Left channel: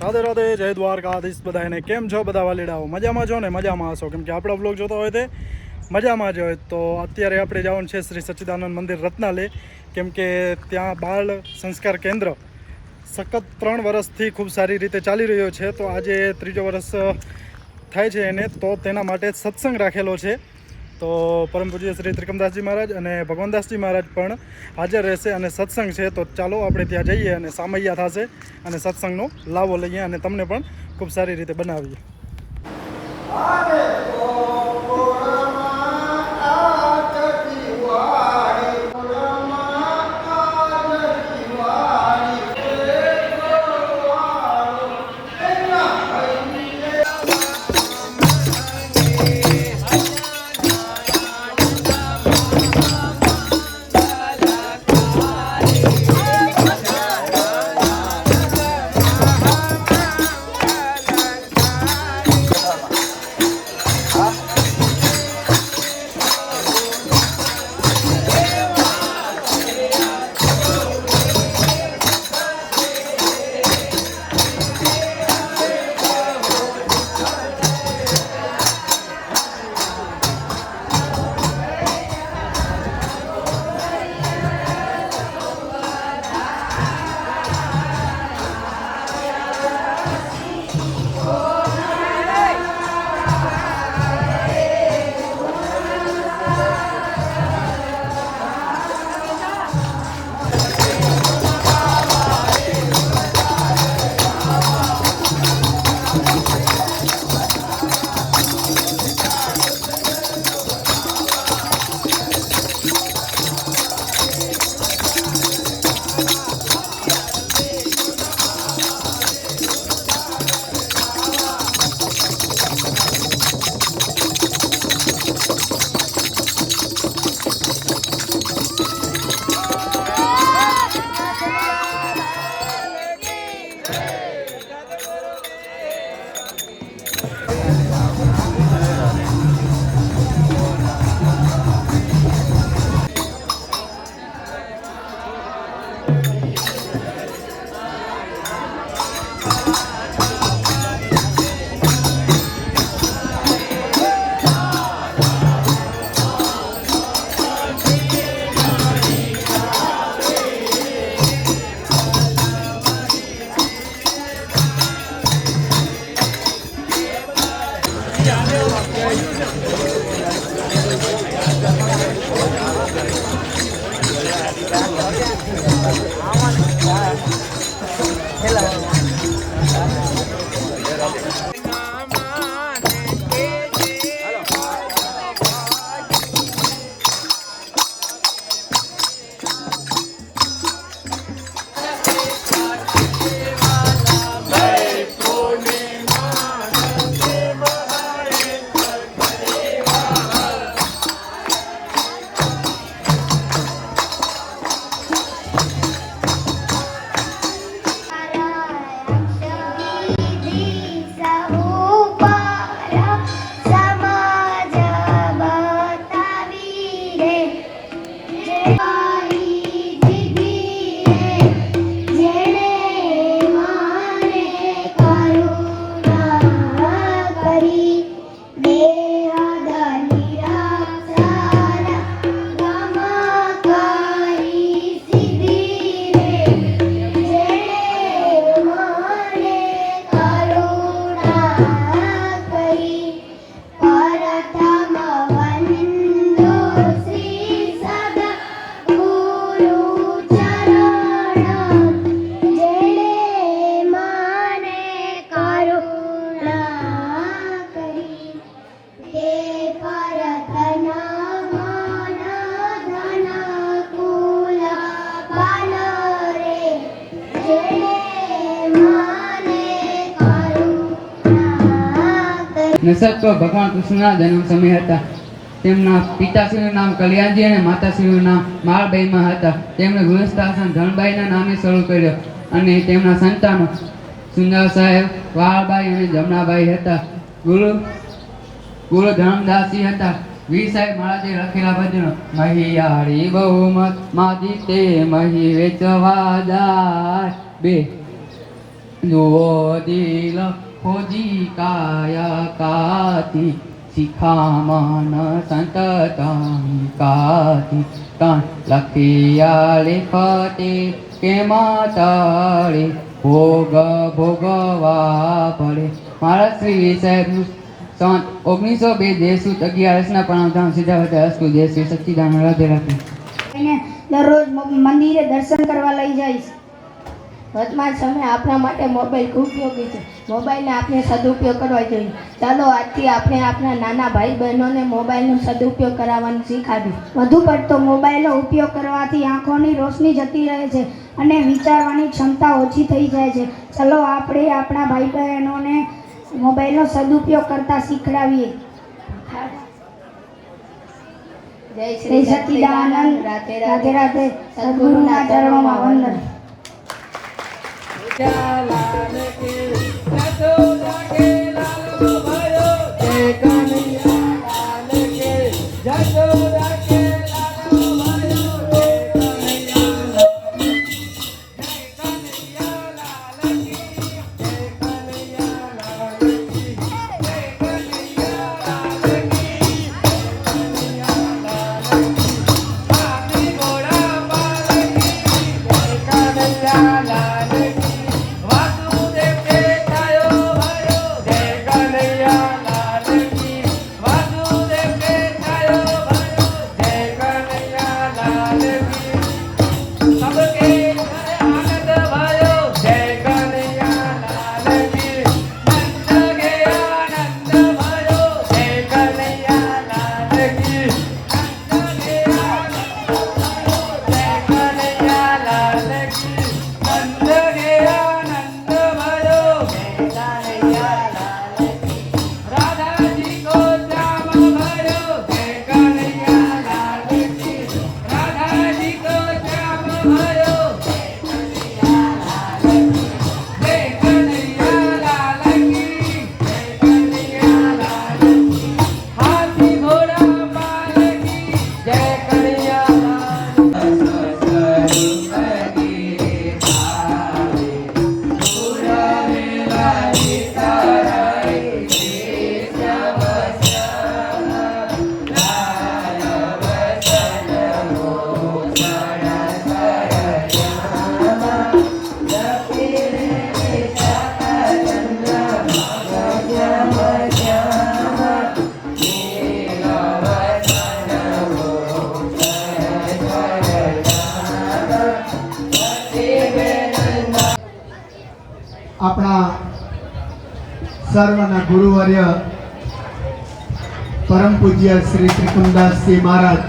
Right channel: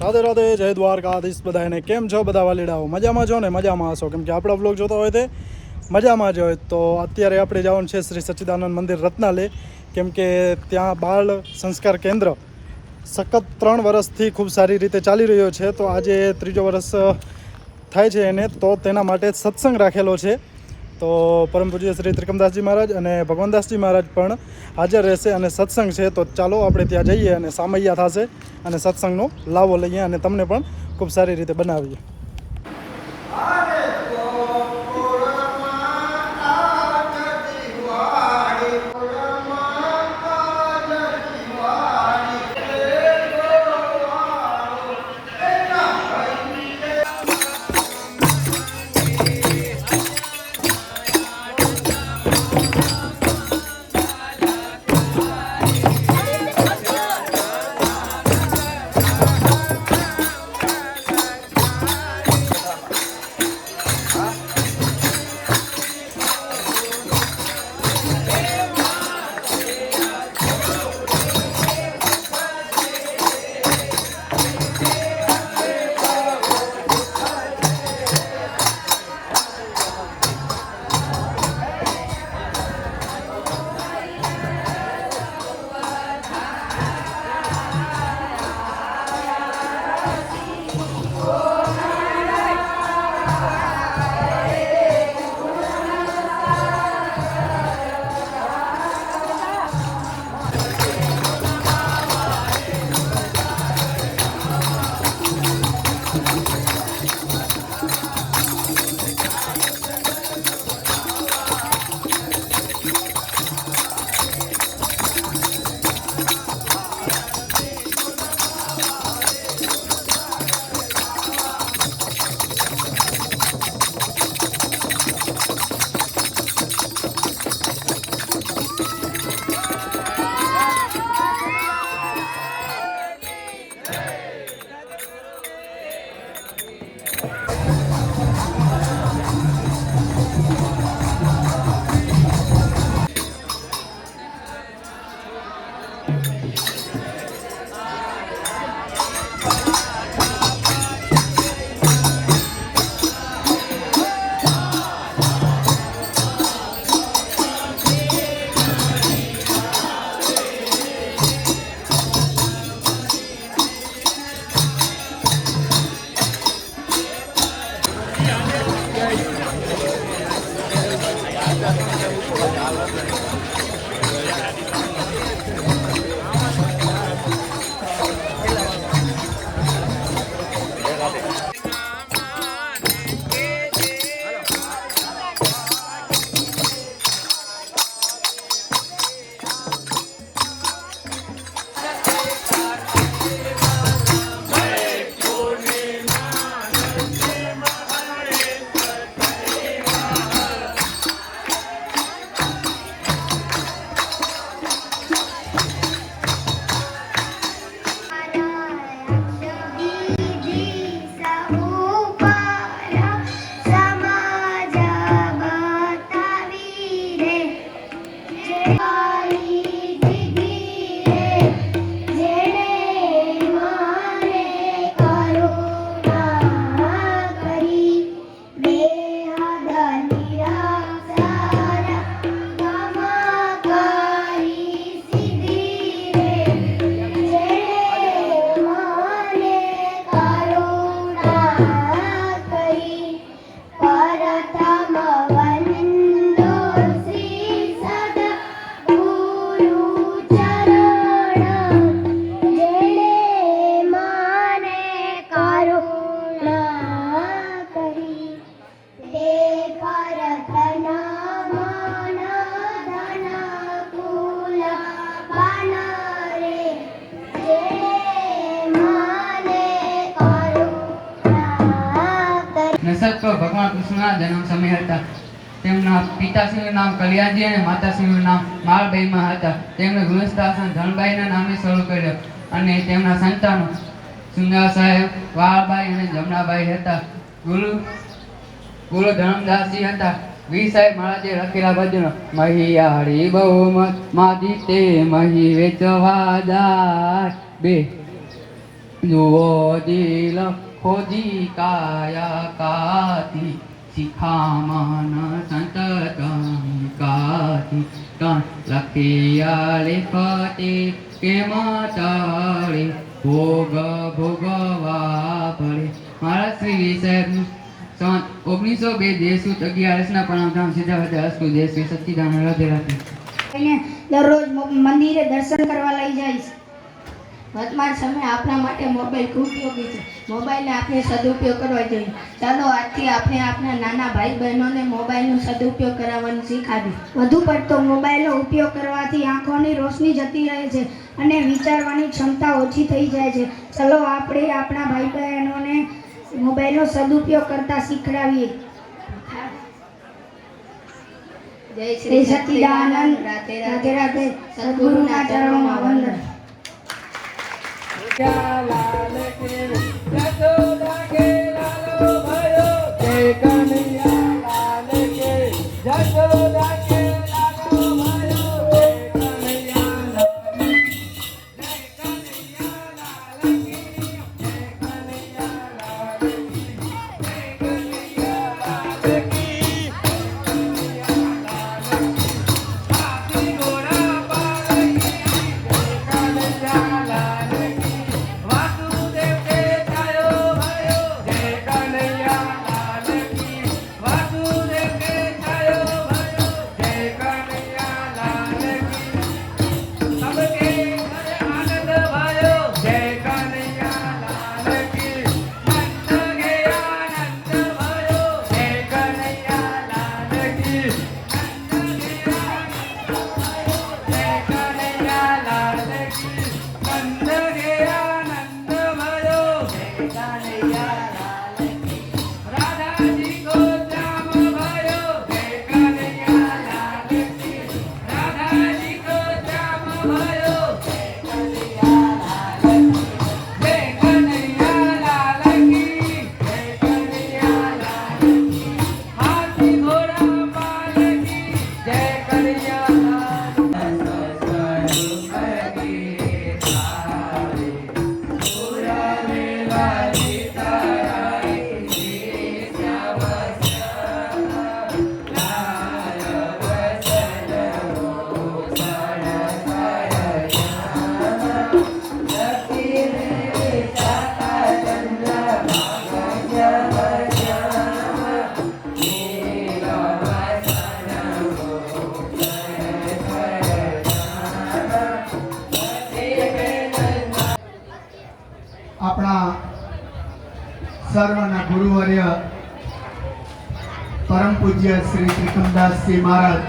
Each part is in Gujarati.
રાધે રાધે, જય દ્વારકાધીશ બધાને કેમ છો બધા વાલીડાઓ? મજામાં છો ને? મજામાં હશો? કેમ કે આપણો બ્લોગ જોતો હોય તે મજામાં જ હોય. તો અત્યારે આપણે જવાનું છે શ્રી સચ્ચિદાનંદ મંદિર રત્નાલય કેમ કે ત્યાં બાળ સંસ્કાર કેન્દ્ર સખત ત્રણ વર્ષથી ખૂબ સારી રીતે ચાલી રહ્યો છે. તો આજે ત્રીજો વર્ષ થાય છે એને. તો તેના માટે સત્સંગ રાખેલો છે. તો પરમ પૂજ્ય શ્રી ત્રિકમદાસજી મહારાજ અને ભગવાનદાસજી મહારાજ પણ હાજર રહેશે અને સત્સંગ છે, તો ચાલો આપણે ત્યાં જઈએ અને સામૈયા થશે અને સત્સંગનો લાવો લઈએ અને તમને પણ ખૂબ સારી રીતે બનાવીએ. કરી તો ભગવાન કૃષ્ણના જન્મ સમય હતા. તેમના પિતાશ્રીનું નામ કલિયાજી અને માતાશ્રીનું નામ માળબાઈમાં હતા. તેમણે ગૃહસ્થાસન ધનબાઈના નામે શરૂ કર્યો અને તેમના સંતાનો સુંદર સાહેબ, વાળબાઈ અને જમનાબાઈ હતા. ગુરુ ગુરુ ધર્મદાસજી હતા. વીર સાહેબ મહારાજે લખેલા ભજનો, મહિયાળી બહુમતમાં તે મહી વેચવા જાય. બે, જુઓ દિલ ખોજી કાયા કાતી શિખામણ સંતતમ કાતી કાં લખિયા લેખતે કે માતાળે ભોગ ભોગવા પડે મારા શ્રી સાહેબનું સંત ઓગણીસો બે દેશૂત અગિયારસના પરમધામ સીધા અસ્તુ દેશ શ્રી સચ્ચિદાનંદ રાધે રાધે દરરોજ મંદિરે દર્શન કરવા લઈ જઈશ. વર્તમાન સમય આપણા માટે મોબાઈલ ખૂબ ઉપયોગી છે. મોબાઈલને આપણે સદુપયોગ કરવા જોઈએ. ચાલો આજથી આપણે આપણા નાના ભાઈ બહેનોને મોબાઈલનો સદુપયોગ કરાવવાનું શીખાવી વધુ પડતો મોબાઈલનો ઉપયોગ કરવાથી આંખોની રોશની જતી રહે છે અને વિચારવાની ક્ષમતા ઓછી થઈ જાય છે. ચાલો આપણે આપણા ભાઈ બહેનોને મોબાઈલનો સદુપયોગ કરતા શીખડાવીએ. જય શ્રી સચ્ચિદાનંદ રાધે રાધે. સદગુરુના ચરણોમાં વંદન. ચાલા આપણા સર્વના ગુરુવર્ય પરમ પૂજ્ય શ્રી ત્રિકમદાસજી મહારાજ.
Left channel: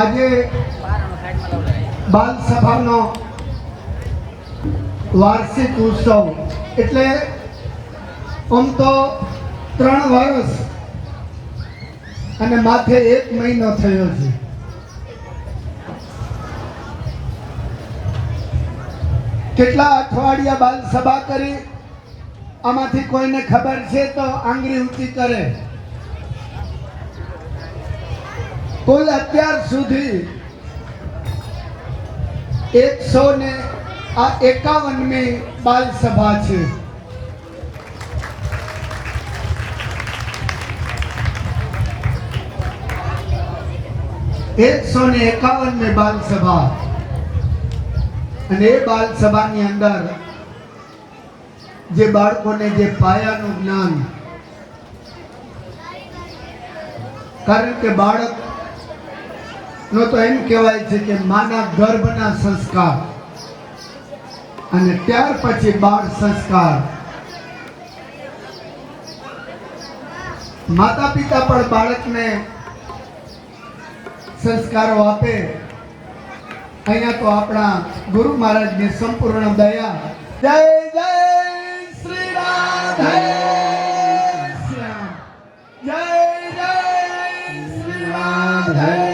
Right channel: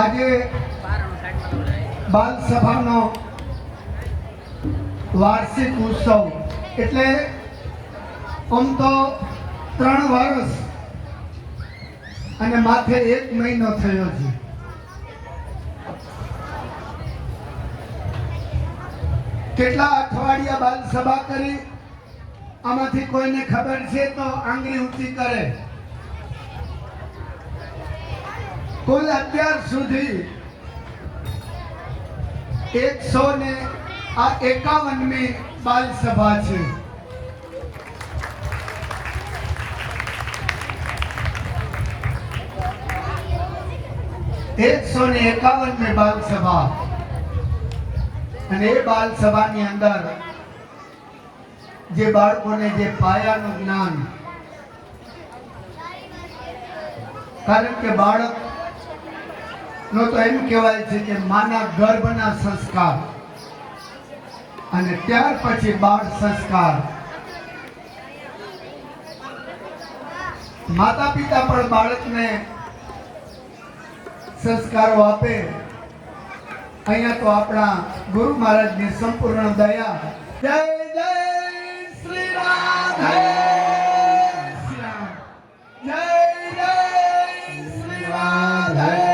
આજે બાલ સભાનો વાર્ષિક ઉત્સવ એટલે આમ તો ત્રણ વર્ષ અને માથે એક મહિનો થયો છે. કેટલા અઠવાડિયા બાદ સભા કરી? આમાંથી કોઈને ખબર છે તો આંગળી ઊંચી કરે. કોઈ અત્યાર સુધી એકસો ને આ એકાવનમી બાલ સભા છે. એકસો ને એકાવન મે બાલ સભા અને એ બાલ સભાની અંદર જે બાળકોને જે પાયાનું જ્ઞાન, કારણ કે બાળક નો તો એમ કહેવાય છે કે માના ગર્ભના સંસ્કાર અને ત્યાર પછી બાળ સંસ્કાર. માતા પિતા પણ બાળકને સંસ્કારો આપે. અહીંયા તો આપણા ગુરુ મહારાજની સંપૂર્ણ દયા. જય જય શ્રી રાધે. જય જય શ્રી રાધે.